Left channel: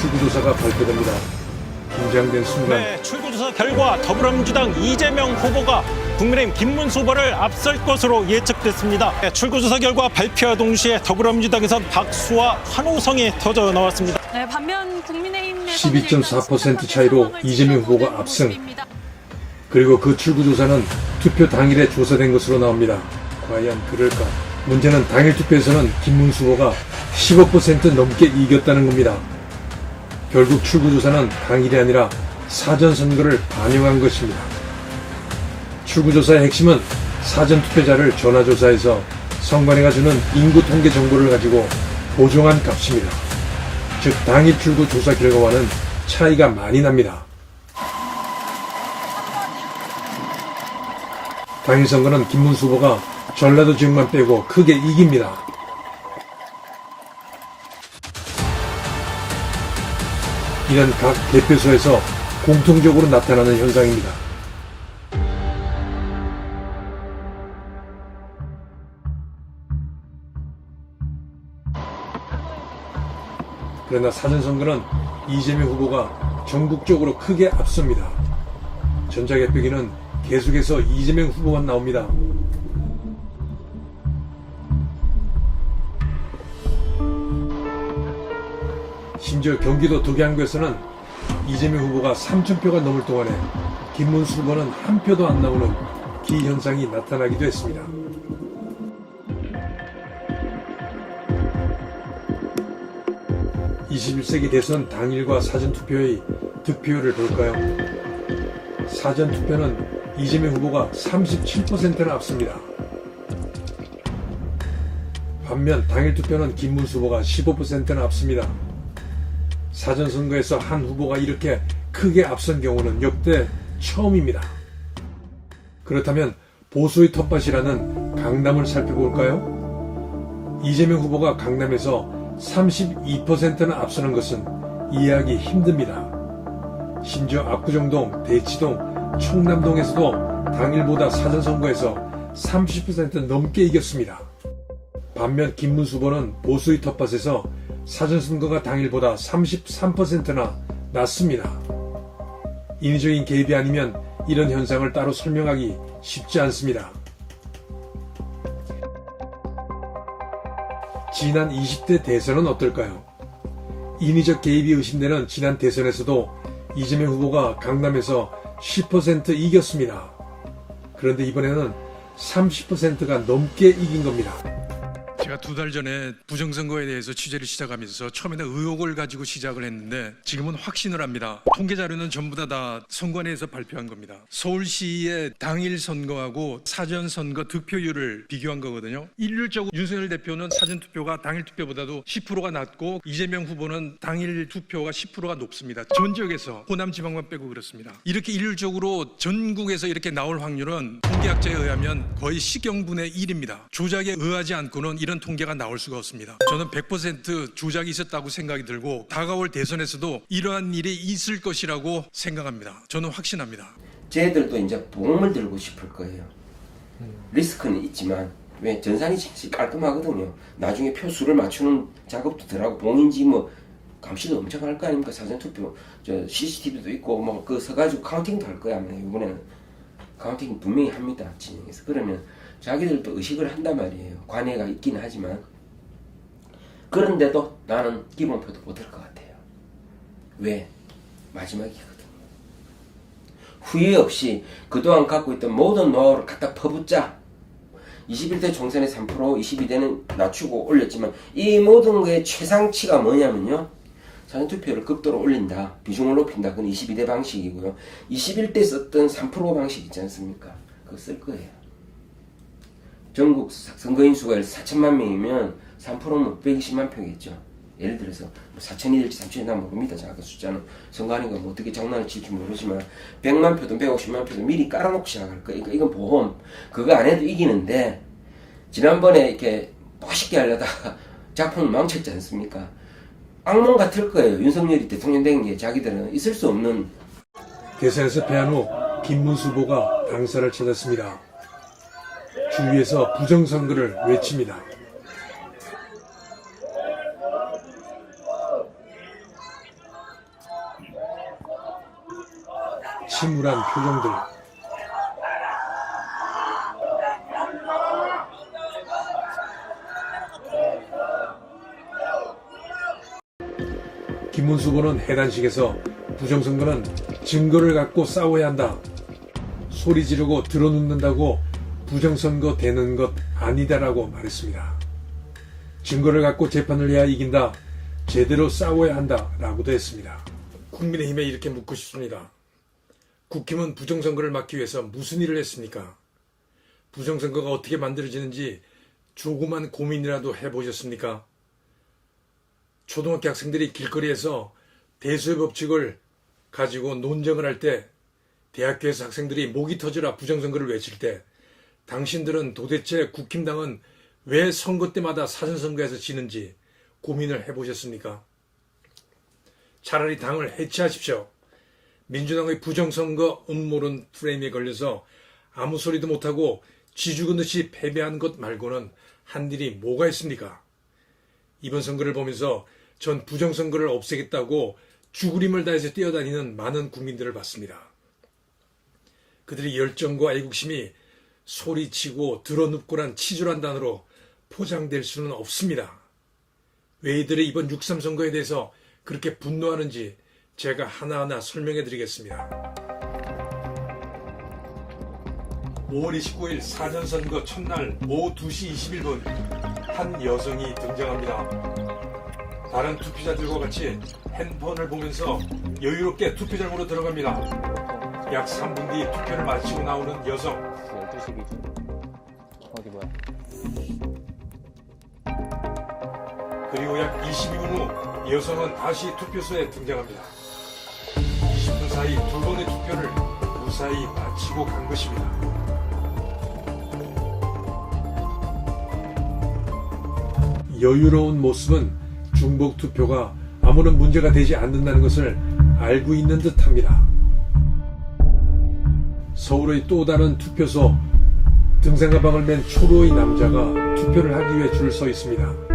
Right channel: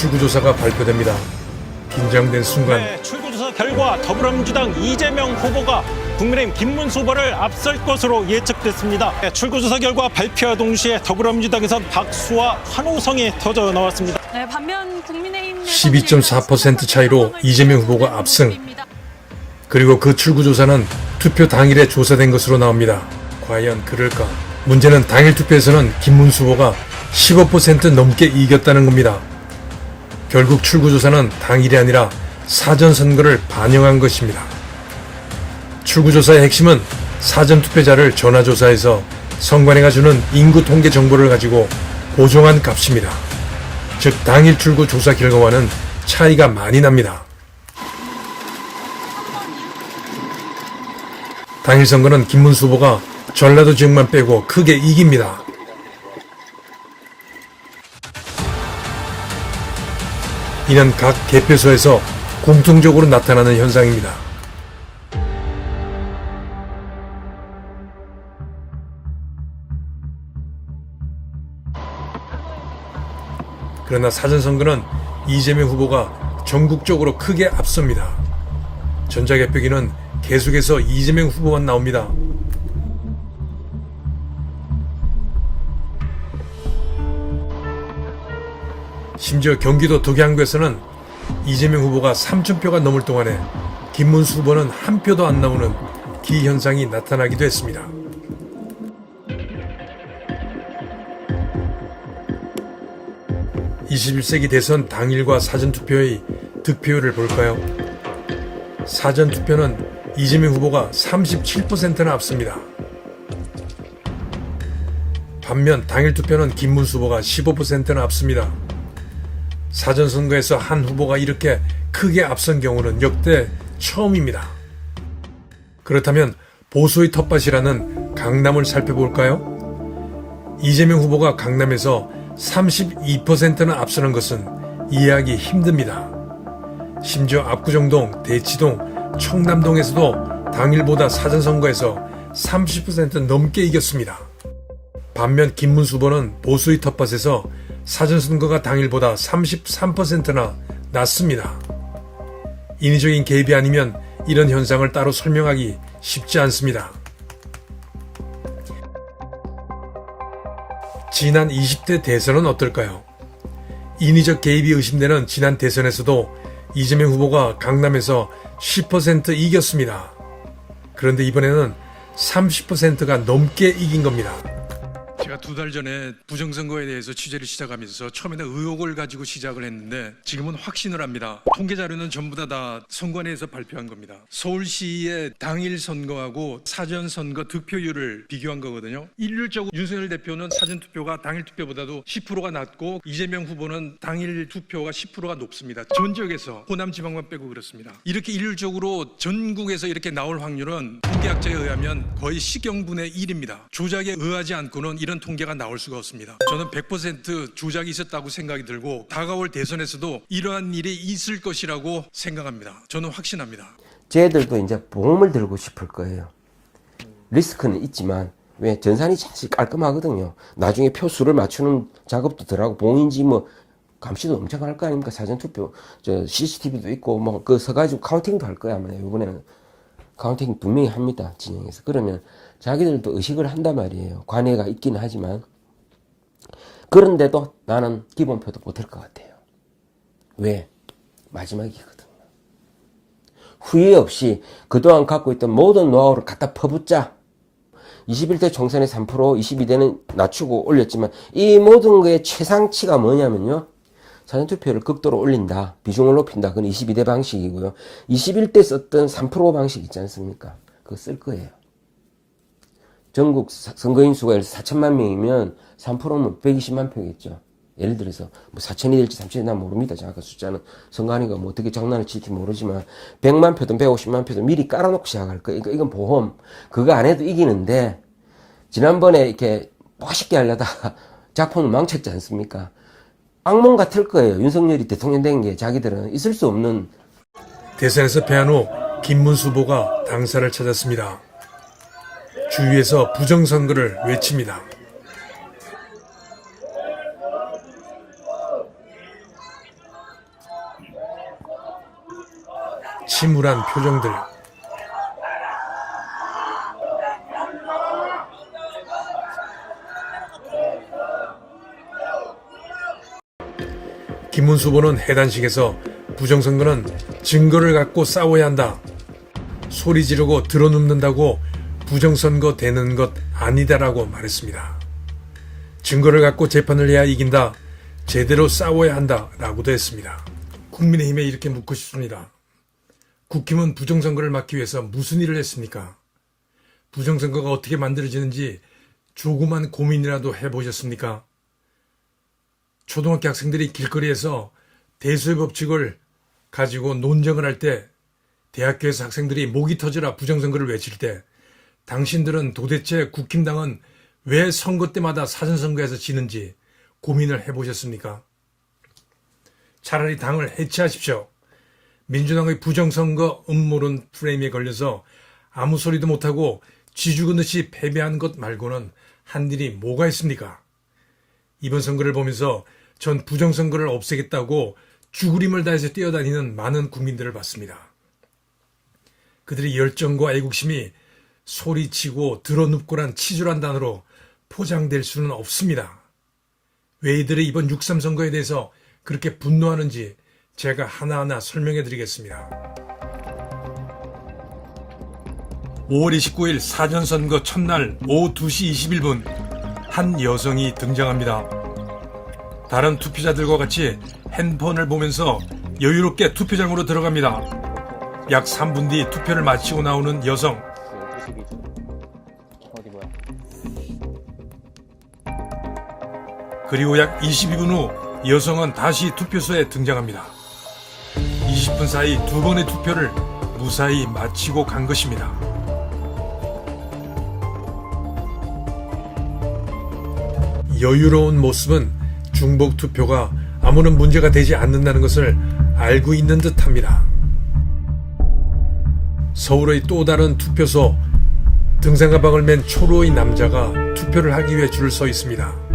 출구조사가 발표됩니다. 긴장된 순간 네, 출구조사 결과 더불어민주당 이재명 후보가 국민의힘 김문수 후보를 앞설 것으로 예측됐습니다. 네, 출구조사 결과 발표와 동시에 더불어민주당에선 박수와 환호성이 터져 나왔습니다. 네, 반면 국민의힘 12.4% 차이로 이재명 후보가 압승. 그리고 그 출구조사는 투표 당일에 조사된 것으로 나옵니다. 과연 그럴까? 문제는 당일 투표에서는 김문수 후보가 15% 넘게 이겼다는 겁니다. 결국 출구조사는 당일이 아니라 사전선거를 반영한 것입니다. 출구조사의 핵심은 사전투표자를 전화조사해서 선관위가 주는 인구 통계 정보를 가지고 보정한 값입니다. 즉 당일 출구조사 결과와는 차이가 많이 납니다. 당일 선거는 김문수 후보가 전라도 지역만 빼고 크게 이깁니다. 이는 각 개표소에서 공통적으로 나타나는 현상입니다. 그러나 사전선거는 이재명 후보가 전국적으로 크게 앞섭니다. 전자개표기는 계속해서 이재명 후보만 나옵니다. 심지어 경기도 덕양구에서는 이재명 후보가 3,000표가 넘을 동안에 김문수 후보는 한 표도 안 나오는 기현상이 나타나기도 했습니다. (21세기) 대선 당일과 사전투표의 득표율을 볼까요? 사전투표는 이재명 후보가 37%나 앞섭니다. 반면 당일 투표는 김문수 후보가 15%나 앞섭니다. 사전선거에서 한 후보가 이렇게 크게 앞선 경우는 역대 처음입니다. 그렇다면 보수의 텃밭이라는 강남을 살펴볼까요? 이재명 후보가 강남에서 32%나 앞서는 것은 이해하기 힘듭니다. 심지어 압구정동, 대치동, 청남동에서도 당일보다 사전선거에서 30% 넘게 이겼습니다. 반면 김문수 후보는 보수의 텃밭에서 사전선거가 당일보다 33%나 낮습니다. 인위적인 개입이 아니면 이런 현상을 따로 설명하기 쉽지 않습니다. 지난 20대 대선은 어떨까요? 인위적 개입이 의심되는 지난 대선에서도 이재명 후보가 강남에서 10% 이겼습니다. 그런데 이번에는 30%가 넘게 이긴 겁니다. 제가 2달 전에 부정선거에 대해서 취재를 시작하면서 처음에는 의혹을 가지고 시작을 했는데 지금은 확신을 합니다. 통계 자료는 전부 다 선관위에서 발표한 겁니다. 서울시의 당일 선거하고 사전 선거 득표율을 비교한 거거든요. 일률적으로 윤석열 대표는 사전 투표가 당일 투표보다도 10%가 낮고 이재명 후보는 당일 투표가 10%가 높습니다. 전 지역에서 호남 지방만 빼고 그렇습니다. 이렇게 일률적으로 전국에서 이렇게 나올 확률은 통계학자에 의하면 거의 시경분의 1입니다. 조작에 의하지 않고는 이런 통계가 나올 수가 없습니다. 저는 100% 조작이 있었다고 생각이 들고 다가올 대선에서도 이러한 일이 있을 것이라고 생각합니다. 저는 확신합니다. 쟤들도 이제 보험을 들고 싶을 거예요. 리스크는 있지만 왜 전산이 진짜 깔끔하거든요. 나중에 표수를 맞추는 작업도 들어가고 봉인지 뭐 감시도 엄청 할 거 아닙니까? 사전투표 저 CCTV도 있고 뭐 그 서가지고 카운팅도 할 거야 아마. 이번에는 카운팅 분명히 합니다. 진영에서. 그러면 자기들도 의식을 한단 말이에요. 관해가 있기는 하지만. 그런데도 나는 기본표도 못할 것 같아요. 왜? 마지막이거든요. 후회 없이 그동안 갖고 있던 모든 노하우를 갖다 퍼붓자. 21대 총선에 3%, 22대는 낮추고 올렸지만 이 모든 거의 최상치가 뭐냐면요. 사전투표를 극도로 올린다. 비중을 높인다. 그건 22대 방식이고요. 21대 썼던 3% 방식 있지 않습니까? 그거 쓸 거예요. 전국 선거인 수가 4천만 명이면 3%면 120만 표겠죠. 예를 들어서 뭐 4천이 될지 3천이 난 모릅니다. 정확한 숫자는 선거하니까 뭐 어떻게 장난을 칠지 모르지만 100만 표든 150만 표든 미리 깔아놓고 시작할 거예요. 그러니까 이건 보험. 그거 안 해도 이기는데 지난번에 이렇게 멋있게 하려다가 작품을 망쳤지 않습니까? 악몽 같을 거예요. 윤석열이 대통령 된 게 자기들은 있을 수 없는. 대선에서 패한 후 김문수 후보가 당사를 찾았습니다. 주위에서 부정선거를 외칩니다. 침울한 표정들. 김문수 후보는 해단식에서 부정선거는 증거를 갖고 싸워야 한다. 소리 지르고 들어눕는다고 부정선거 되는 것 아니다라고 말했습니다. 증거를 갖고 재판을 해야 이긴다. 제대로 싸워야 한다. 라고도 했습니다. 국민의힘에 이렇게 묻고 싶습니다. 국힘은 부정선거를 막기 위해서 무슨 일을 했습니까? 부정선거가 어떻게 만들어지는지 조그만 고민이라도 해보셨습니까? 초등학교 학생들이 길거리에서 대수의 법칙을 가지고 논쟁을 할 때, 대학교에서 학생들이 목이 터져라 부정선거를 외칠 때, 당신들은 도대체 국힘당은 왜 선거 때마다 사전선거에서 지는지 고민을 해보셨습니까? 차라리 당을 해체하십시오. 민주당의 부정선거 음모론 프레임에 걸려서 아무 소리도 못하고 쥐죽은 듯이 패배한 것 말고는 한 일이 뭐가 있습니까? 이번 선거를 보면서 전 부정선거를 없애겠다고 죽으림을 다해서 뛰어다니는 많은 국민들을 봤습니다. 그들의 열정과 애국심이 소리치고 드러눕고란 치졸한 단어로 포장될 수는 없습니다. 왜 이들의 이번 6.3 선거에 대해서 그렇게 분노하는지 제가 하나하나 설명해 드리겠습니다. 5월 29일 사전선거 첫날 오후 2시 21분 한 여성이 등장합니다. 다른 투표자들과 같이 핸드폰을 보면서 여유롭게 투표장으로 들어갑니다. 약 3분 뒤 투표를 마치고 나오는 여성. 12시 기준. 어디 뭐야? 그리고 약 22분 후 여성은 다시 투표소에 등장합니다. 20분 사이 두 번의 투표를 무사히 마치고 간 것입니다. 여유로운 모습은 중복 투표가 아무런 문제가 되지 않는다는 것을 알고 있는 듯합니다. 서울의 또 다른 투표소, 등산 가방을 맨 초로의 남자가 투표를 하기 위해 줄을 서 있습니다.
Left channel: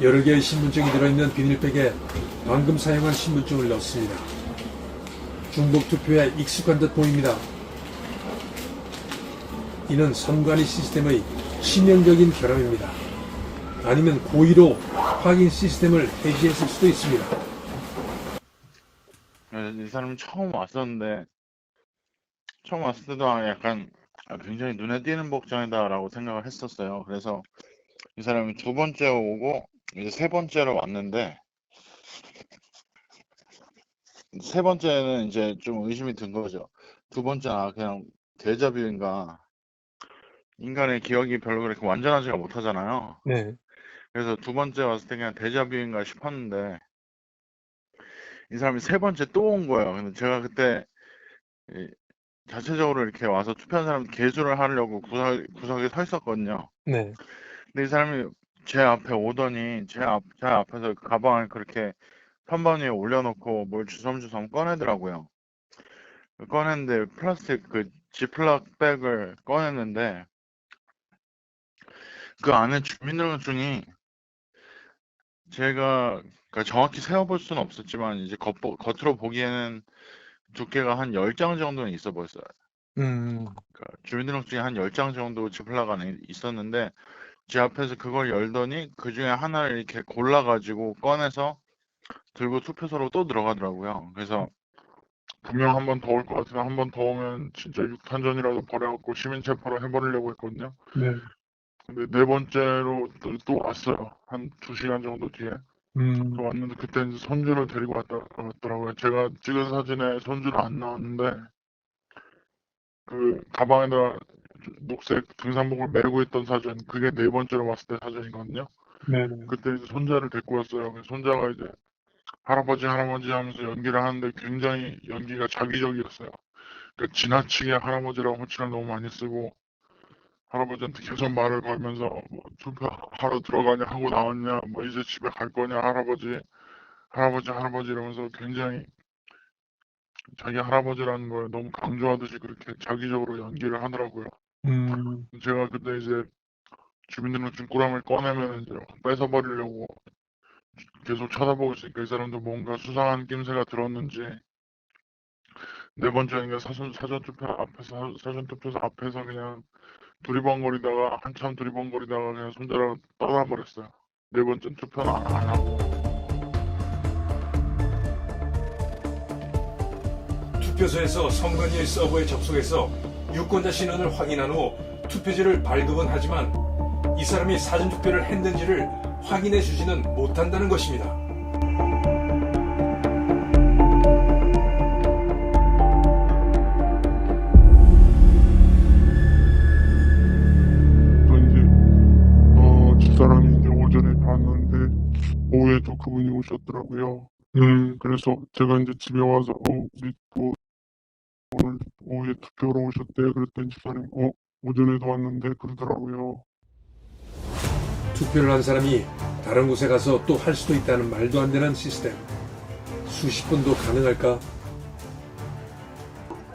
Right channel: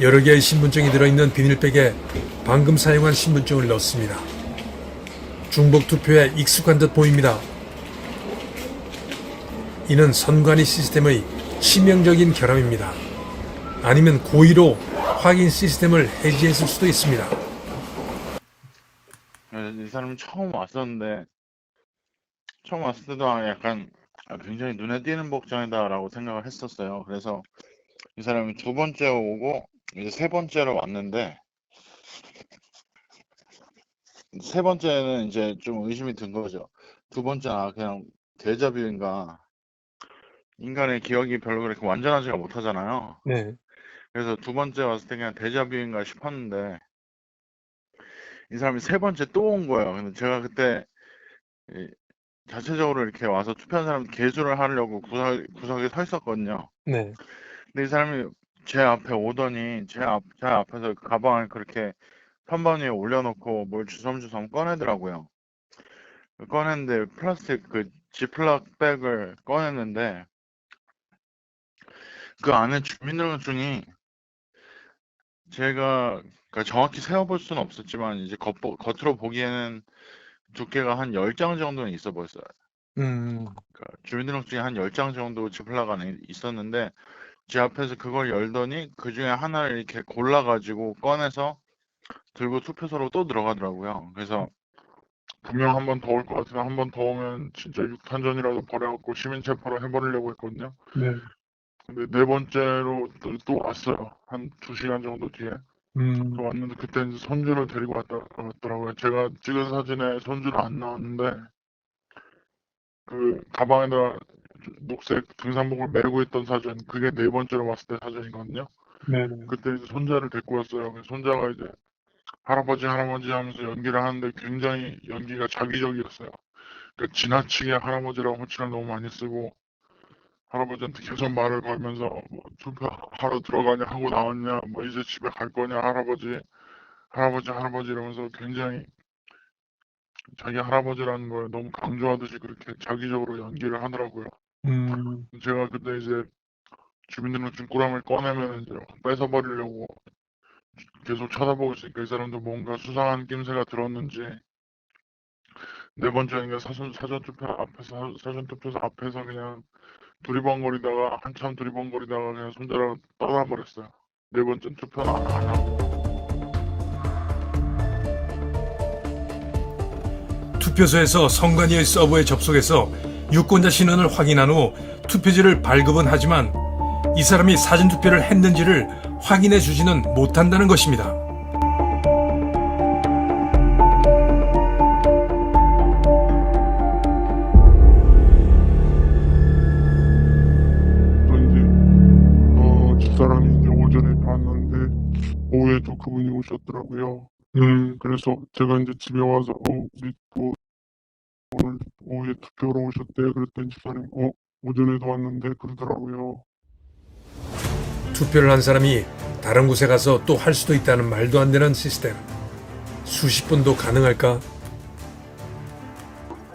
여러 개의 신분증이 들어있는 비닐백에 방금 사용한 신분증을 넣습니다. 중복 투표에 익숙한 듯 보입니다. 이는 선관위 시스템의 치명적인 결함입니다. 아니면 고의로 확인 시스템을 해지했을 수도 있습니다. 이 사람이 처음 왔었는데 처음 왔을 때도 약간 굉장히 눈에 띄는 복장이다라고 생각을 했었어요. 그래서 이 사람이 두 번째 오고 이제 세 번째로 왔는데 세 번째는 이제 좀 의심이 든 거죠. 두 번째는 그냥 데자뷰인가. 인간의 기억이 별로 그렇게 완전하지가 못하잖아요. 네. 그래서 두 번째 왔을 때 그냥 데자뷰인가 싶었는데 이 사람이 세 번째 또 온 거예요. 근데 제가 그때 자체적으로 이렇게 와서 투표한 사람 개수를 하려고 구석에 서 있었거든요. 네. 근데 이 사람이 제 앞에 오더니 제 앞에서 가방을 그렇게 선반 위에 올려놓고 뭘 주섬주섬 꺼내더라고요. 꺼냈는데 플라스틱 그 지플락 백을 꺼냈는데 그 안에 주민등록증이 제가 그러니까 정확히 세어볼 수는 없었지만 이제 겉으로 보기에는 두께가 한 10장 정도는 있어 보였어요. 그러니까 주민등록증이 한 10장 정도 지플락 안에 있었는데 제 앞에서 그걸 열더니 그 중에 하나를 이렇게 골라가지고 꺼내서 들고 투표소로 또 들어가더라고요. 그래서 분명 한 번 더 올 것 같으면 한 번 더 오면 진짜 육탄전이라도 벌여갖고 시민 체포로 해버리려고 했거든요. 네. 근데 네 번째로 또 왔어요. 한 2시간 정도 뒤에. 또 왔는데 그때 이제 손주를 데리고 왔더라고요. 제가 찍은 사진에 손주는 안 나왔는데 그 가방에다 녹색 등산복을 메고 있던 사진, 그게 네 번째로 왔을 때 사진이거든요. 네네. 그때 이제 손자를 데리고 왔어요. 그래서 손자가 이제 할아버지 하면서 연기를 하는데 굉장히 연기가 자기적이었어요. 그러니까 지나치게 할아버지라고 호칭을 너무 많이 쓰고 할아버지한테 계속 말을 걸면서 뭐 투표하러 들어가냐 하고 나왔냐, 뭐 이제 집에 갈 거냐, 할아버지 이러면서 굉장히 자기 할아버지라는 걸 너무 강조하듯이 그렇게 자기적으로 연기를 하더라고요. 제가 그때 이제 주민등록증 꾸러미를 꺼내면 이제 뺏어버리려고 계속 쳐다보고 있으니까 이 사람도 뭔가 수상한 낌새가 들었는지 네 번째는 사전투표소 앞에서 그냥 두리번거리다가 한참 두리번거리다가 그냥 손자랑 떠나버렸어요. 네 번째 투표는 안 하고. 투표소에서 선관위의 서버에 접속해서 유권자 신원을 확인한 후 투표지를 발급은 하지만 이 사람이 사전투표를 했는지를 확인해 주지는 못한다는 것입니다. 또 이제 집사람이 이제 오전에 봤는데 오후에 또 그분이 오셨더라고요. 그래서 제가 이제 집에 와서 우리 또 오늘 오후에 투표로 오셨대. 그랬더니 집사람이 오전에도 왔는데 그러더라고요. 투표를 한 사람이 다른 곳에 가서 또 할 수도 있다는 말도 안 되는 시스템. 수십 번도 가능할까?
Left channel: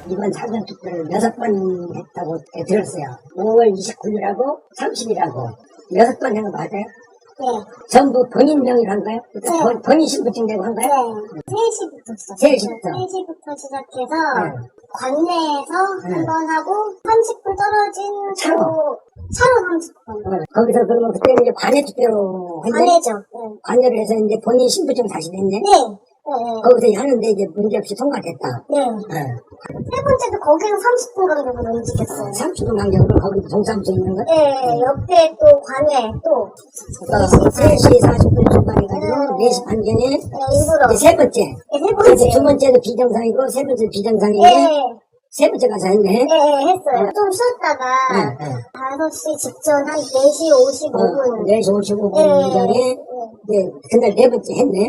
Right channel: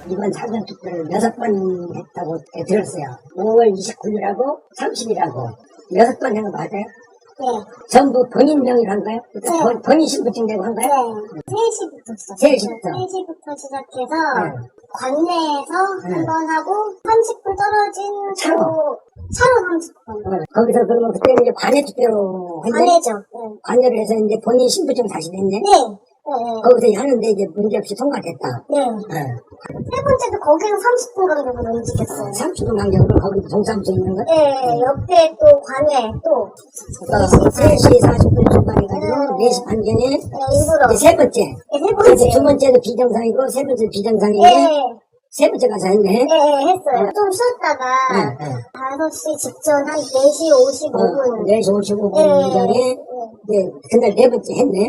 이번 사전투표를 6번 했다고 들었어요. 5월 29일하고 30일하고 6번 한 거 맞아요? 네. 전부 본인 명의로 한 거예요? 네. 본인 신분증 내고 한 거예요? 네. 3시부터 시작해서. 3시부터. 3시부터 시작해서 네. 관내에서 네. 한 번 하고 30분 떨어진 차로. 차로 30분. 거기서 그러면 그때는 이제 관내 투표로 했네? 관내죠. 네. 관내로 해서 이제 본인 신분증 다시 냈네? 네. 네. 거기서 하는데 이제 문제없이 통과됐다. 네. 네. 세 번째도 거기는 30분 간격으로 움직였어요. 30분 간격으로 거기도 동사무소 있는 거? 네. 옆에 또 관내 또 3시 40분 출발해가지고 4시 반경에 일부러. 이제 세 번째. 네, 세 그래서 번째. 두 번째도 비정상이고 세 번째도 비정상인데 네. 세 번째 가서 했네. 네, 했어요. 좀 쉬었다가 네, 네. 5시 직전 한 4시 55분. 4시 55분 네. 전에 이제 그날 네 번째 했네. 네.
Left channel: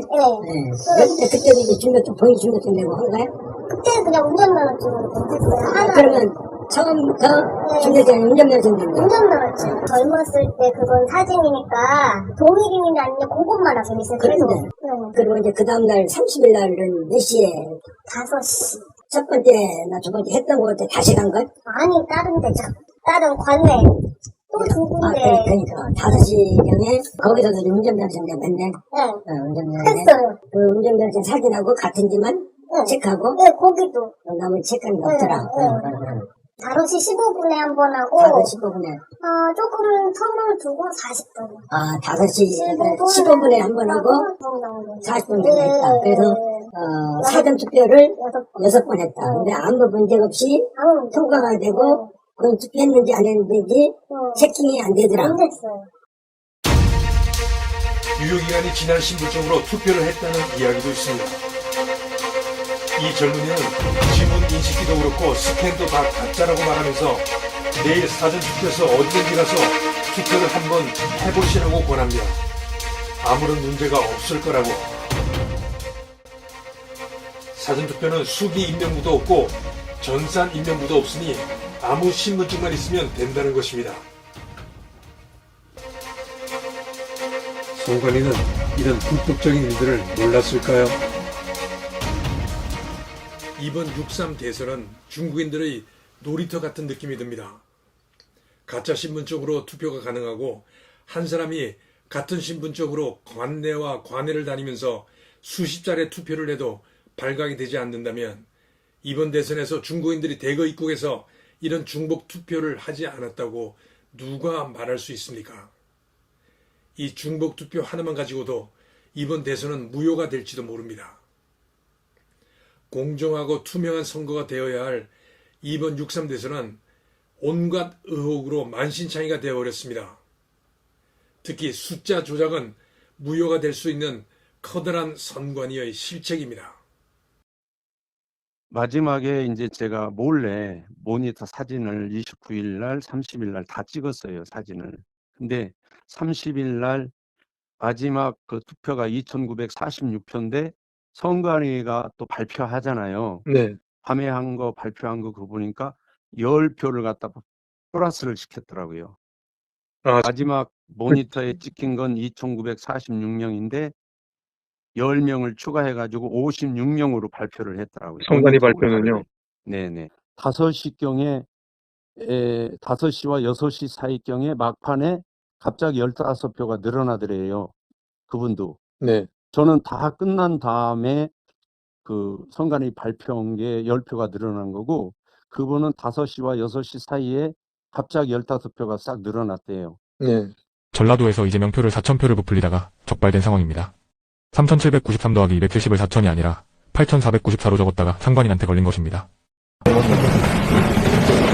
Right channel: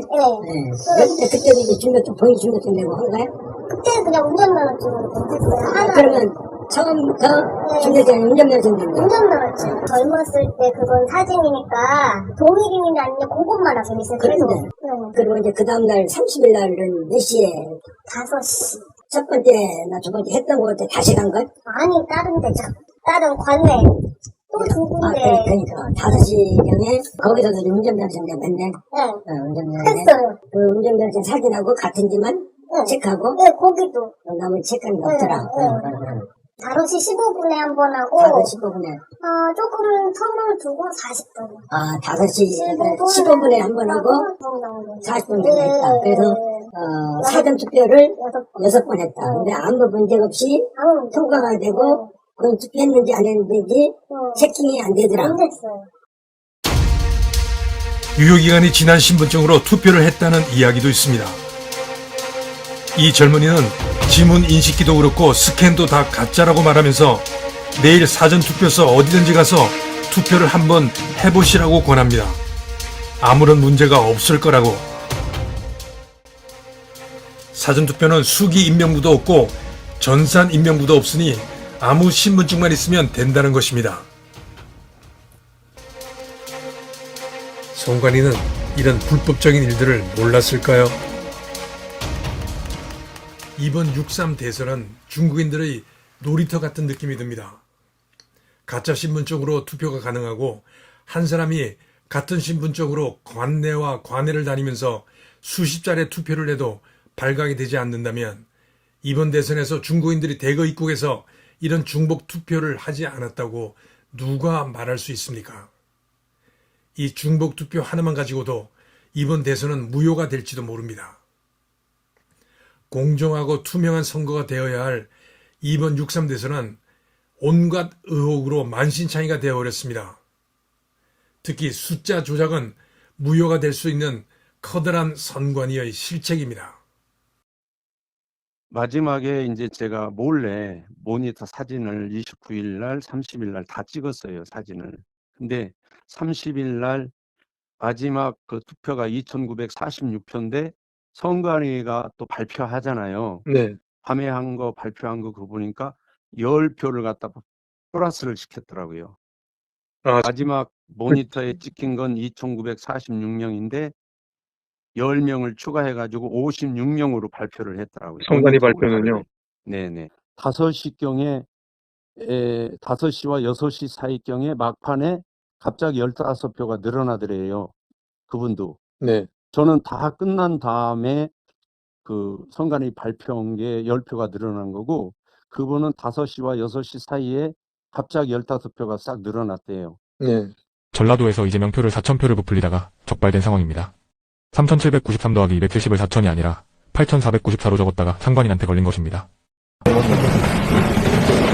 그때도 이제 주민등록 본인 주민등록 내고 한 거야? 그때는 그냥 운전면허증으로 했어요. 하나. 그러면 처음부터 주민등록 운전면허증 낸 거야? 운전면허증. 젊었을 때 그건 사진이니까 동일인이 아니면 그것만 하고 있어요. 계속. 그런데. 네. 그리고 이제 그 다음날 30일 날은 몇 시에 5시. 첫 번째나 두 번째 했던 거 같아 다시 간 거야? 아니, 다른 데죠. 다른 관내. 또 두 군데. 그러니까 5시경에 거기서도 운전면허증 냈네. 네. 운전면허증. 했어요. 그 운전면허증 사진하고 같은지만 네. 체크하고 네, 거기도. 나머지 체크한 게 없더라. 네. 5시 15분에 한 번 하고. 5시 15분에. 조금 텀을 두고 40분. 5시 15분에 한 번 하고 40분 정도 했다. 그래서 사전투표를 6번 했다. 근데 아무 문제 없이 통과가 되고 그건 투표했는지 안 했는지 체킹이 안 되더라. 안 됐어요. 유효기간이 지난 신분증으로 투표를 했다는 이야기도 있습니다. 이 젊은이는 지문 인식기도 그렇고 스캔도 다 가짜라고 말하면서 내일 사전투표소 어디든지 가서 투표를 한번 해보시라고 권합니다. 아무런 문제가 없을 거라고. 사전투표는 수기 인명부도 없고 전산 인명부도 없으니 아무 신분증만 있으면 된다는 것입니다. 선관위는 이런 불법적인 일들을 몰랐을까요? 이번 6.3 대선은 중국인들의 놀이터 같은 느낌이 듭니다. 가짜 신분증으로 투표가 가능하고 한 사람이 같은 신분증으로 관내와 관외를 다니면서 수십 차례 투표를 해도 발각이 되지 않는다면 이번 대선에서 중국인들이 대거 입국해서 이런 중복 투표를 하지 않았다고 누가 말할 수 있습니까? 이 중복 투표 하나만 가지고도 이번 대선은 무효가 될지도 모릅니다. 공정하고 투명한 선거가 되어야 할 이번 6.3 대선은 온갖 의혹으로 만신창이가 되어버렸습니다. 특히 숫자 조작은 무효가 될 수 있는 커다란 선관위의 실책입니다. 마지막에 이제 제가 몰래 모니터 사진을 29일 날, 30일 날 다 찍었어요, 사진을. 근데 30일 날 마지막 그 투표가 2,946표인데 선관위가 또 발표하잖아요. 네. 밤에 한 거 발표한 거 그거 보니까 10표를 갖다 플러스를 시켰더라고요. 마지막 모니터에 찍힌 건 2,946명인데 10명을 추가해가지고 56명으로 발표를 했더라고요. 선관위 모니터 발표는요? 오차를. 네네. 5시경에 5시와 6시 사이경에 막판에 갑자기 15표가 늘어나더래요. 그분도. 네. 저는 다 끝난 다음에 그 선관위 발표한 게 10표가 늘어난 거고, 그분은 5시와 6시 사이에 갑자기 15표가 싹 늘어났대요. 네. 전라도에서 이재명 표를 4,000표를 부풀리다가 적발된 상황입니다. 3,793 더하기 270을 4,000이 아니라 8,494로 적었다가 상관인한테 걸린 것입니다.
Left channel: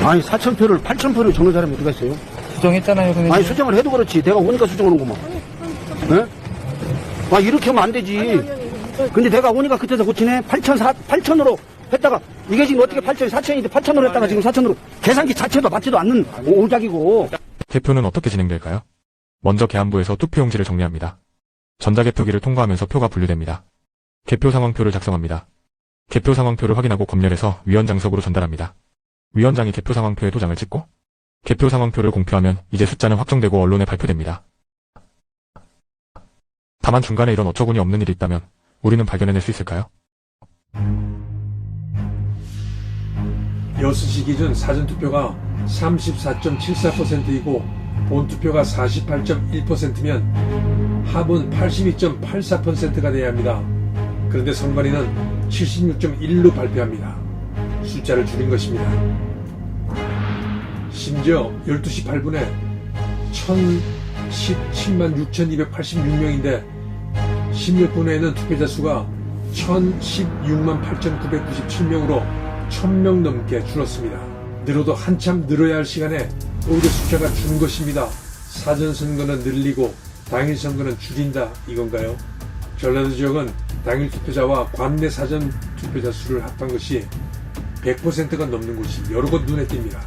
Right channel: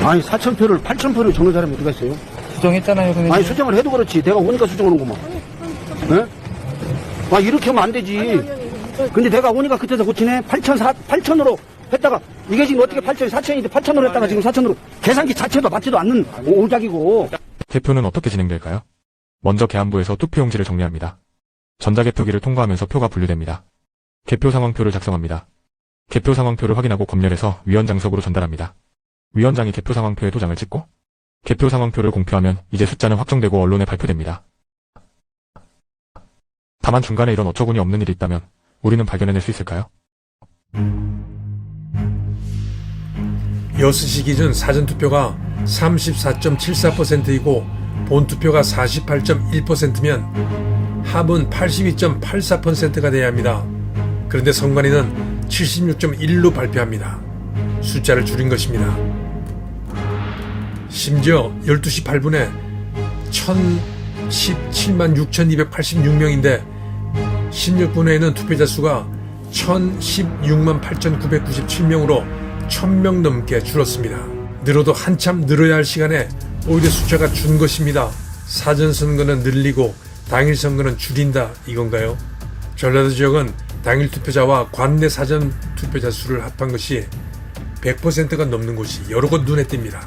아니 4,000표를 8,000표를 적는 사람이 어디가 있어요? 수정했잖아요, 선생님. 아니 수정을 해도 그렇지 내가 오니까 수정하는구만. 네? 아 이렇게 하면 안 되지. 근데 내가 오니까 그때서 고치네. 8,000으로 했다가 이게 지금 어떻게 8,000이 4,000인데 8,000으로 했다가 지금 4,000으로 계산기 자체도 맞지도 않는 오작이고. 개표는 어떻게 진행될까요? 먼저 계안부에서 투표용지를 정리합니다. 전자개표기를 통과하면서 표가 분류됩니다. 개표 상황표를 작성합니다. 개표 상황표를 확인하고 검열해서 위원장석으로 전달합니다. 위원장이 개표 상황표에 도장을 찍고 개표 상황표를 공표하면 이제 숫자는 확정되고 언론에 발표됩니다. 다만 중간에 이런 어처구니 없는 일이 있다면 우리는 발견해낼 수 있을까요? 6시 기준 사전투표가 34.74%이고 본투표가 48.1%면 합은 82.84%가 돼야 합니다. 그런데 선관위는 76.1로 발표합니다. 숫자를 줄인 것입니다. 심지어 12시 8분에 1,017만 6,286명인데 16분 후에는 투표자 수가 1,016만 8,997명으로 1,000명 넘게 줄었습니다. 늘어도 한참 늘어야 할 시간에 오히려 숫자가 준 것입니다. 사전선거는 늘리고 당일 선거는 줄인다 이건가요? 전라도 지역은 당일 투표자와 관내 사전 투표자 수를 합한 것이 100%가 넘는 곳이 여러 곳 눈에 띕니다.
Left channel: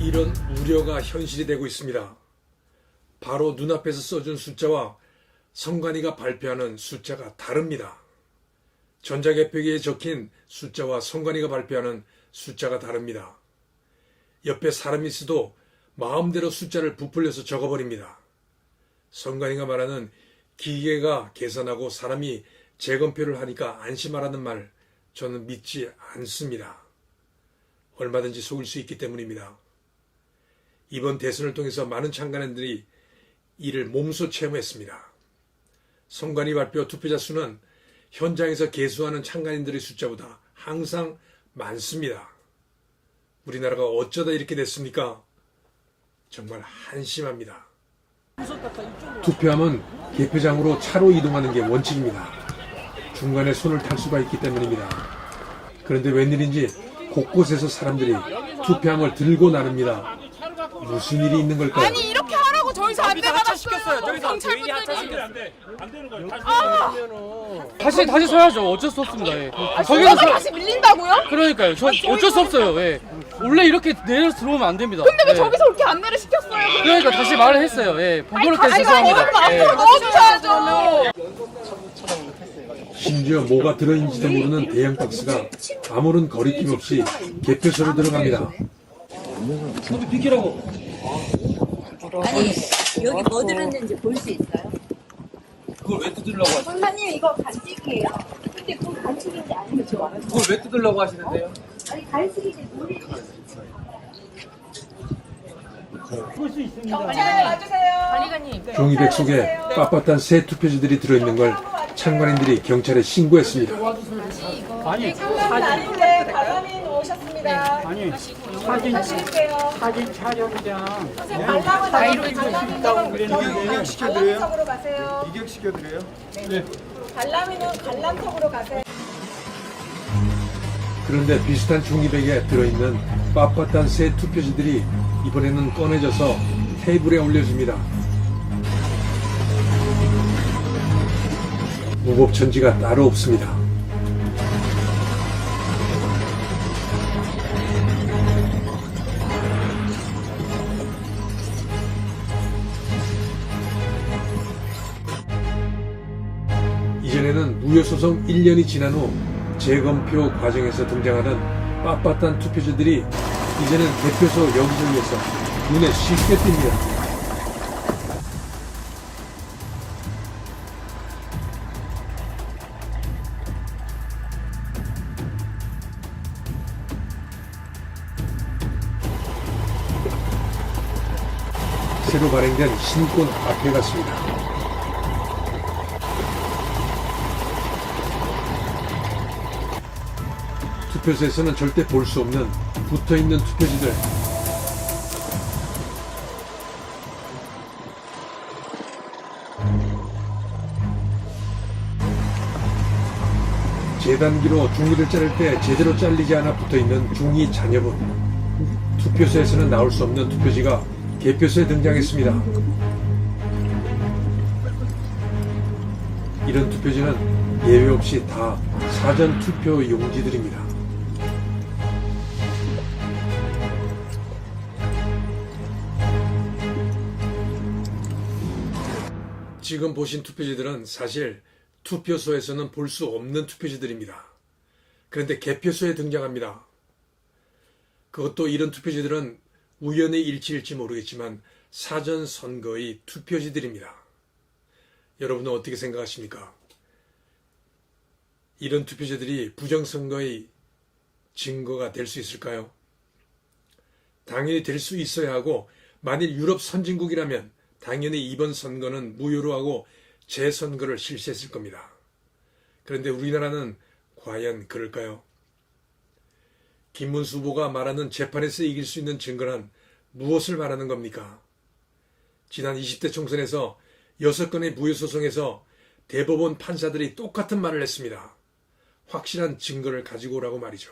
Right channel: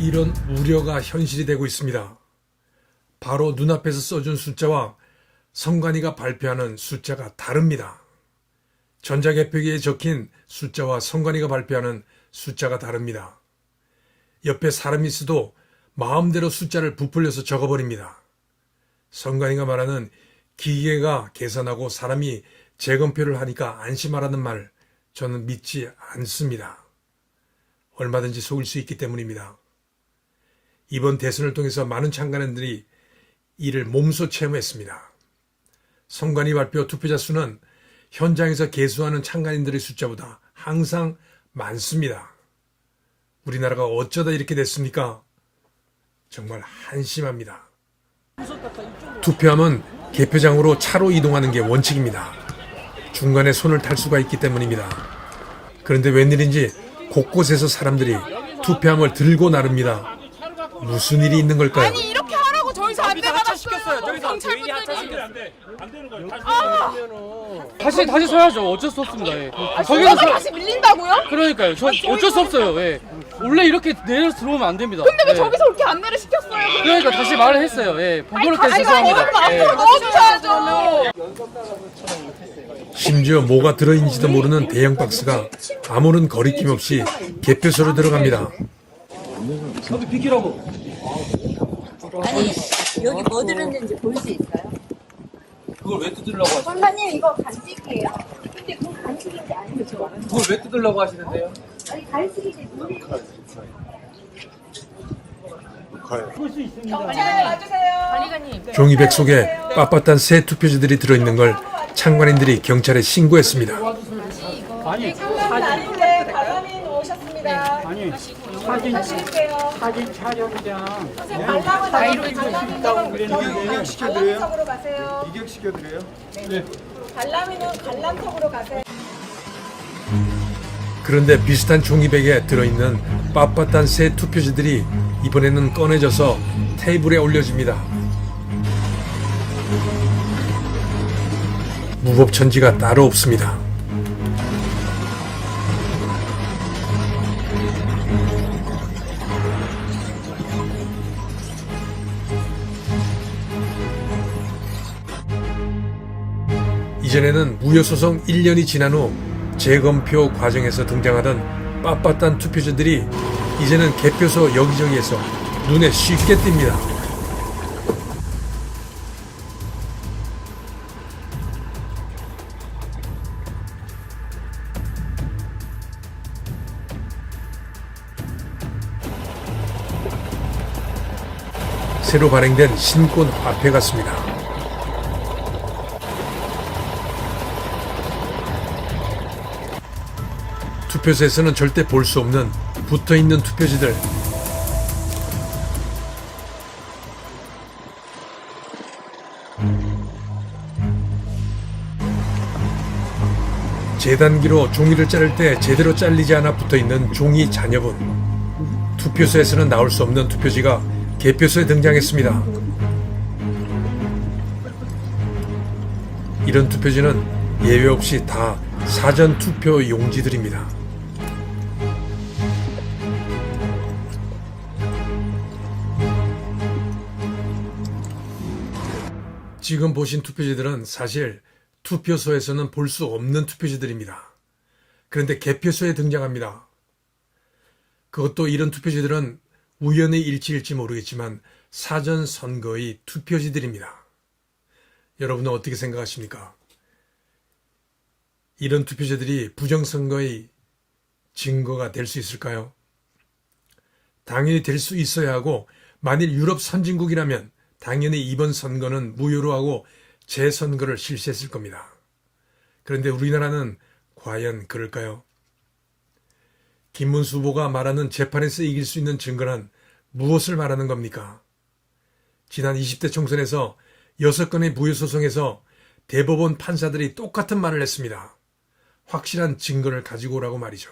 이런 우려가 현실이 되고 있습니다. 바로 눈앞에서 써준 숫자와 선관위가 발표하는 숫자가 다릅니다. 전자개표기에 적힌 숫자와 선관위가 발표하는 숫자가 다릅니다. 옆에 사람이 있어도 마음대로 숫자를 부풀려서 적어버립니다. 선관위가 말하는 기계가 계산하고 사람이 재검표를 하니까 안심하라는 말 저는 믿지 않습니다. 얼마든지 속일 수 있기 때문입니다. 이번 대선을 통해서 많은 참가인들이 이를 몸소 체험했습니다. 선관위 발표 투표자 수는 현장에서 개수하는 참가인들의 숫자보다 항상 많습니다. 우리나라가 어쩌다 이렇게 됐습니까? 정말 한심합니다. 투표함은 개표장으로 차로 이동하는 게 원칙입니다. 중간에 손을 탈 수가 있기 때문입니다. 그런데 웬일인지 곳곳에서 사람들이 투표함을 들고 나릅니다. 무슨 일이 있는 걸까요? 아니 이렇게 하라고 저희서 안내 받았어요. 경찰분들이. 다시 서야죠. 어쩔 수 없습니다. 예. 저기서 다시 밀린다고요? 그러니까요. 저 어쩔 수 없어요. 예. 원래 이렇게 내려 들어오면 안 됩니다. 근데 왜 예. 저기서 그렇게 안내를 시켰어요? 그러니까 다시 말을 했어요. 예. 번거롭게 죄송합니다. 예. 앞으로 넣어주셔야죠. 심지어 뭐가 들어있는지도 모르는 대형 박스가 아무런 거리낌 없이 개표소로 들어갑니다. 여기 비키라고. 아니 여기 뭐 들었는지 볼 수 있어요? 그걸 왜 뜯으려고 하시는 권사님 이거 간직이에요. 근데 그건 간직인지 아닌지 저 알아요. 그걸 왜 뜯으려고 하시는데요? 아니 간직이지 물이. 경찰 와주세요. 관리관님. 종이백 속에 빳빳한 새 투표지들이 들어있는 걸 참관인들이 경찰에 신고했습니다. 아니 날인데 과장님 오셨습니다. 아니 사진 촬영장. 관람을 나가고 이격시켜드려요? 관람석으로 가세요. 이격시켜드려요? 네. 관람이는 관람석으로 가세요. 그런데 비슷한 종이백에 들어있는 빳빳한 새 투표지들이 이번에는 꺼내져서 테이블에 올려집니다. 무법천지가 따로 없습니다. 이전에는 무효소송 1년이 지난 후 재검표 과정에서 등장하던 빳빳한 투표지들이 이제는 개표소 여기저기에서 눈에 쉽게 띕니다. 새로 발행된 신권 앞에 갔습니다. 개표소에서는 절대 볼 수 없는 붙어있는 투표지들. 재단기로 종이를 자를 때 제대로 잘리지 않아 붙어있는 종이 잔여분. 투표소에서는 나올 수 없는 투표지가 개표소에 등장했습니다. 이런 투표지는 예외 없이 다 사전 투표 용지들입니다. 지금 보신 투표지들은 사실 투표소에서는 볼 수 없는 투표지들입니다. 그런데 개표소에 등장합니다. 그것도 이런 투표지들은 우연의 일치일지 모르겠지만 사전 선거의 투표지들입니다. 여러분은 어떻게 생각하십니까? 이런 투표지들이 부정선거의 증거가 될 수 있을까요? 당연히 될 수 있어야 하고, 만일 유럽 선진국이라면 당연히 이번 선거는 무효로 하고 재선거를 실시했을 겁니다. 그런데 우리나라는 과연 그럴까요? 김문수 후보가 말하는 재판에서 이길 수 있는 증거는 무엇을 말하는 겁니까? 지난 20대 총선에서 6건의 무효소송에서 대법원 판사들이 똑같은 말을 했습니다. 확실한 증거를 가지고 오라고 말이죠.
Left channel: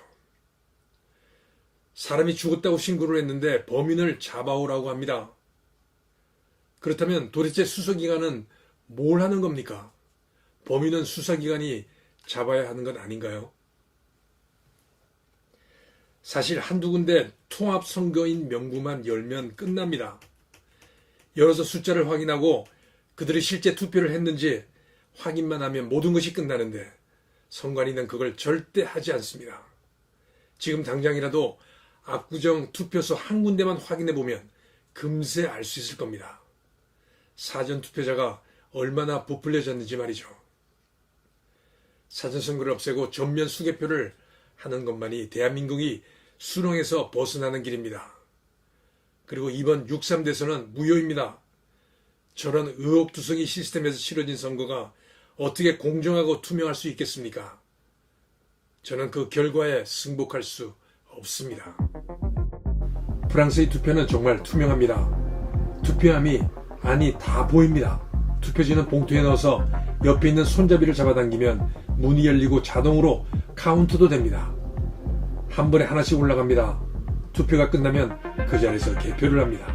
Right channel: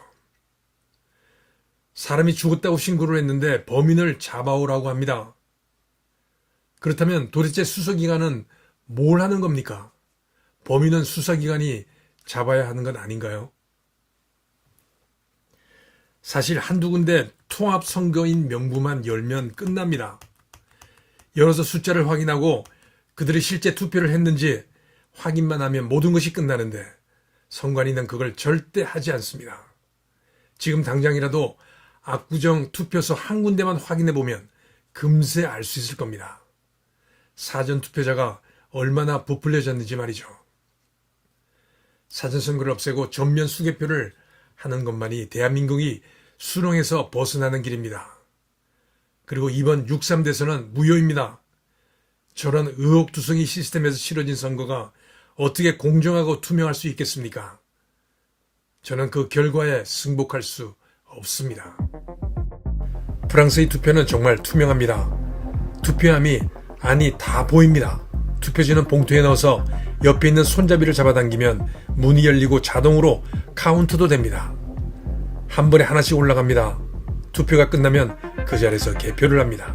사람이 죽었다고 신고를 했는데 범인을 잡아오라고 합니다. 그렇다면 도대체 수사기관은 뭘 하는 겁니까? 범인은 수사기관이 잡아야 하는 건 아닌가요? 사실 한두 군데 통합선거인 명부만 열면 끝납니다. 열어서 숫자를 확인하고 그들이 실제 투표를 했는지 확인만 하면 모든 것이 끝나는데 선관위는 그걸 절대 하지 않습니다. 지금 당장이라도 압구정 투표소 한 군데만 확인해보면 금세 알 수 있을 겁니다. 사전투표자가 얼마나 부풀려졌는지 말이죠. 사전선거를 없애고 전면 수개표를 하는 것만이 대한민국이 수렁에서 벗어나는 길입니다. 그리고 이번 6.3 대선은 무효입니다. 저런 의혹투성이 시스템에서 치러진 선거가 어떻게 공정하고 투명할 수 있겠습니까? 저는 그 결과에 승복할 수 없습니다. 프랑스의 투표는 정말 투명합니다. 투표함이 다 보입니다. 투표지는 봉투에 넣어서 옆에 있는 손잡이를 잡아당기면 문이 열리고 자동으로 카운트도 됩니다. 한 번에 하나씩 올라갑니다. 투표가 끝나면 그 자리에서 개표를 합니다.